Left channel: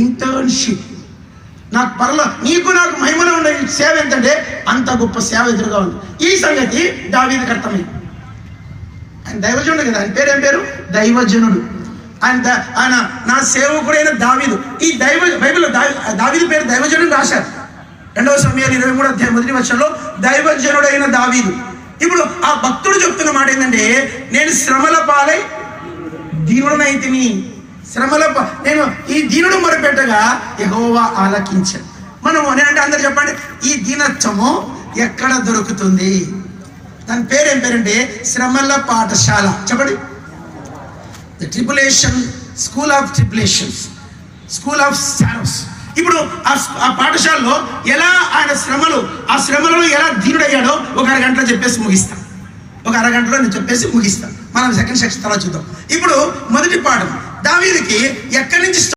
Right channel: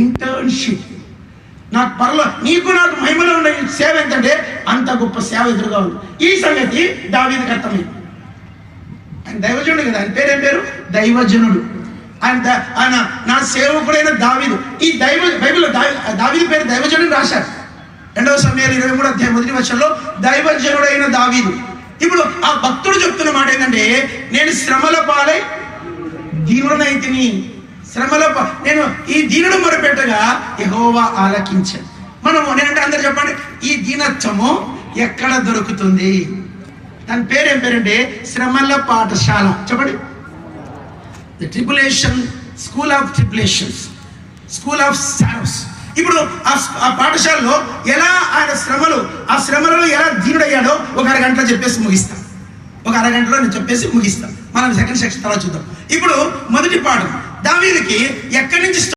Internship. నాకు నీకు నాకు మహిమలో ఉన్న సేవ ఏంటంటే అంత గొప్ప సేవ ఎదురుగా ఉంది. ఈ సంగతి దావీదుకి అర్థమైంది. ఆయన దైవజనుడు కదా, ఆయన పేరు ఏం పేరు? దైవజనుడు. ఆయన నా సేవకుడైన దావీదు. ఈ బైబిల్లో దావీదు పేరు దైవజనుడు రాశారు. 2వ సమయాలు 23వ అధ్యాయం 1వ వచనంలో దైవజనుడైన దావీదు. ఇప్పుడు ఆ భక్తుడు చెప్తున్న మాట ఏంటంటే, నేను శ్రమల పాలై దీనుడనైతిని. నేను ఈ దీనుడు మొరపెట్టగా యెహోవా ఆలకించాను. మనము నేనంటే అందరు చెప్పండి, ఈ దీనత్వము ఎక్కడ దొరుకుతుంది? దాని పేరు ఏం పేరంటే శ్రమల పాఠశాల. చెప్పండి, the tribulation school of tribulations, school of sorrows. ఇప్పుడు ఆ పాఠశాలలో ఎలా ఆయన ఆ శ్రమలలో ఎలా దీనుడయ్యాడో ఒక అరగంటలో చెప్పేసి ముగిస్తాం. నేను చెప్పేసి ముగిస్తాం. మనం సెకండ్ సెక్షన్ తర్వాత చూద్దాం. ఇప్పుడు మొదటి పాఠం, దావీదుకి ఎక్కడి నుంచి